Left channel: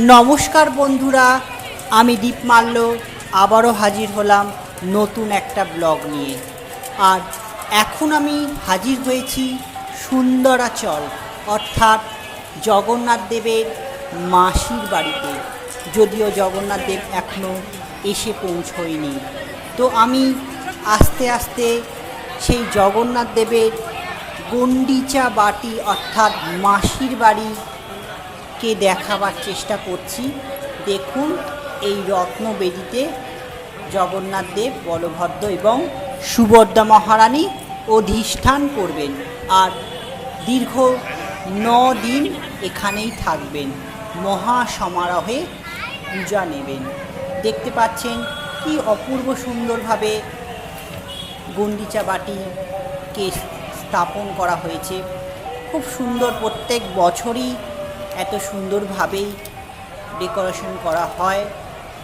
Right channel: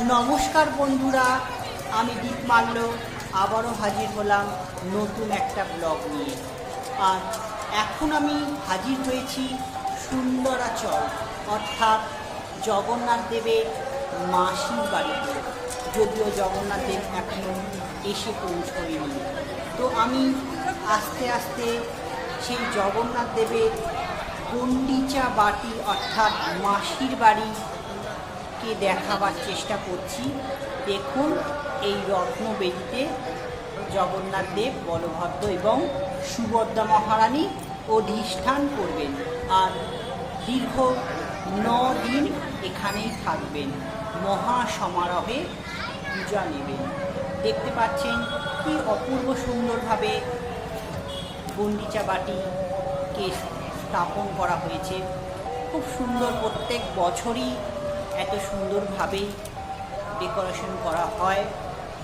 নমস্কার বন্ধুরা, আমি দীপ মাল্য আবারও হাজির হলাম নতুন একটা ব্লগ নিয়ে। আর এখন আমি হাজির হয়েছি সুন্দরাচল অর্থাৎ জগন্নাথ দেবের মাসির বাড়িতে। যদিও জগন্নাথ দেব এখনও এসে পৌঁছয়নি, তো আমি আস্তে আস্তে সেই জগন্নাথ দেবের গন্ডিচা বাটি অর্থাৎ মাসির বাড়ি কে দেখাবার চেষ্টা করছি। দেখুন, এই রত্নবেদিতে জগন্নাথ দেব, বলভদ্র এবং সুভদ্রা মহারানী অধিষ্ঠান করবেন আর দীর্ঘ 9 দিন এখানেই থাকবেন, মহা সমারোহে পূজা নেবেন। দেখতে পাচ্ছেন কি অপূর্ব সুন্দরভাবে গন্ডিচা বাটিকে স্থাপন করা হয়েছে। খুব সুন্দর, প্রত্যেক বছরই এত সুন্দরভাবেই ডেকোরেশন করা হয়।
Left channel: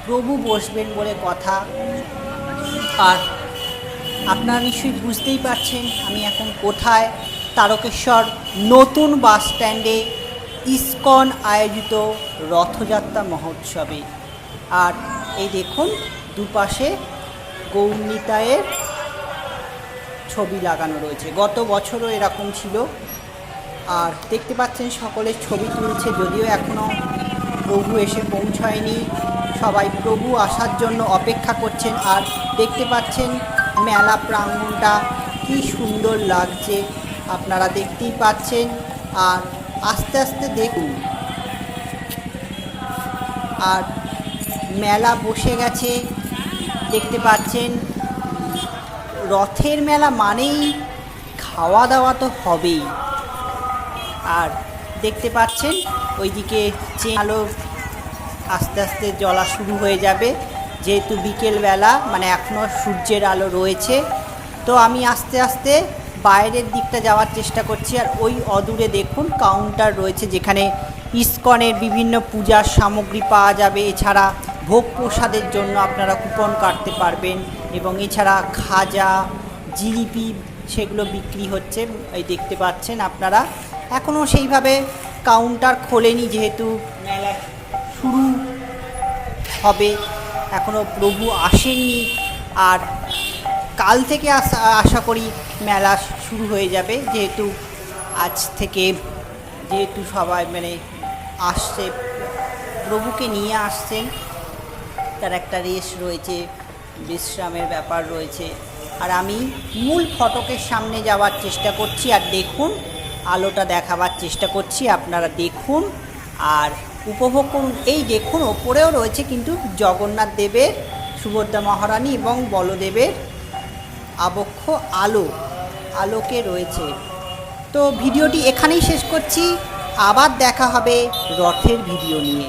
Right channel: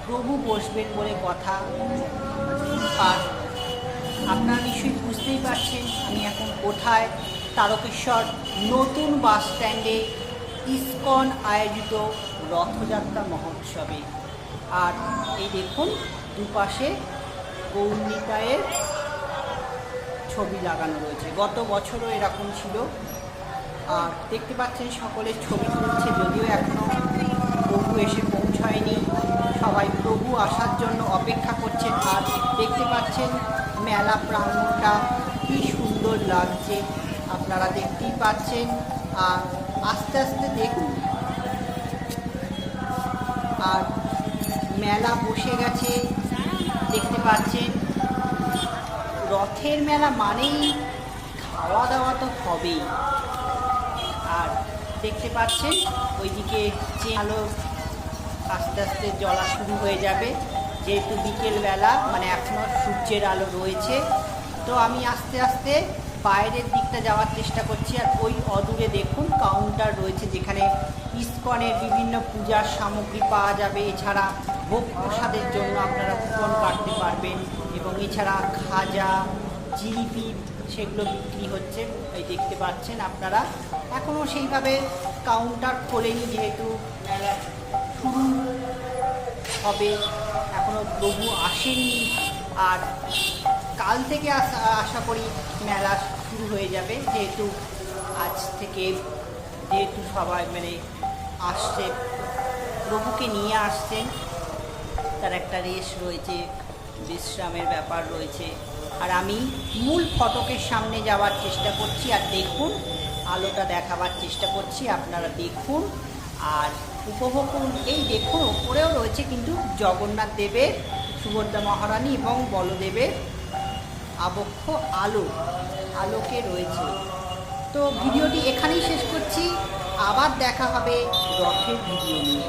প্রভু বসবেন বলে কথা। আর আপনারা নিশ্চয়ই বুঝতেই পারছেন আমি এখন কোথায়। তারকেশ্বর নতুন বাস স্ট্যান্ডে ইসকন আয়োজিত রথযাত্রা মহোৎসবে। আর এই দেখুন, দুপাশে গৌরনিতায়ের ছবি লাগানো রয়েছে। গত বছরও এরকম ছিল। আর দেখতে পাচ্ছেন সকলে ছবি তুলছে, যদিও এখনও প্রভু এসে পৌঁছায়নি। সবাই প্রভু আসার জন্য অপেক্ষা করছেন। আর দেখতে পাচ্ছেন মেলা প্রাঙ্গণটা কি সুন্দর লাগছে, আপনারা দেখতেই পাচ্ছেন। আর আস্তে আস্তে দেখুন, আর মেলা বসে গেছে। দেখতে পাচ্ছেন রথের মেলা মানেই খাওয়া দাওয়া তো হবেই। আর দেখতে পাচ্ছেন ওইদিকে আলো আস্তে আস্তে জ্বলা শুরু হয়ে যাবে, যেহেতু বিকেলবেলা, মানে এখনও সূর্যের আলো রয়েছে। তো আমি আস্তে আস্তে বাইরের দিকটা যাওয়ার চেষ্টা করছি। আর ওই অদূরে দেখুন কাউন্টার রয়েছে, যেখানে ইসকনের বিভিন্ন পূজার সামগ্রী পাওয়া যাবে। এছাড়া ভোগ প্রসাদের জন্য আপনারা কুপন কাটতে পারবেন, এবং এছাড়া খাজা, জিলিপি সেগুলো বিক্রি হচ্ছে। এই দেখতে পাচ্ছেন আপনারা। এখনও সেইভাবে কাউন্টার খোলেনি, যেহেতু মেলা শুরু হবে, এখনও প্রভু আসেননি। আর কাল থেকে আশা করি মেলা শুরু হয়ে যাবে, যেহেতু আজ থেকে সবাই আসছে, প্রভুকে নিয়ে আসছেন। তার একটা রেশ রয়েছে, বিশ্রামের ব্যাপার রয়েছে। আর আমি মূল ফটকের সামনে যাওয়ার চেষ্টা করছি। আর দেখুন, আলোটা দেখাবার চেষ্টা করছি, আপনারা দেখুন আর উপভোগ করুন। এই দেখুন, ওপরেও রয়েছে কিন্তু জগন্নাথ দেবের, সুভদ্রা মহারানী এবং বলদেবের আবক্ষ আলোকে রয়েছে। তো ভিডিওটি এখানেই শেষ করছি, আবার দেখা হবে রথের ভিডিও নিয়ে।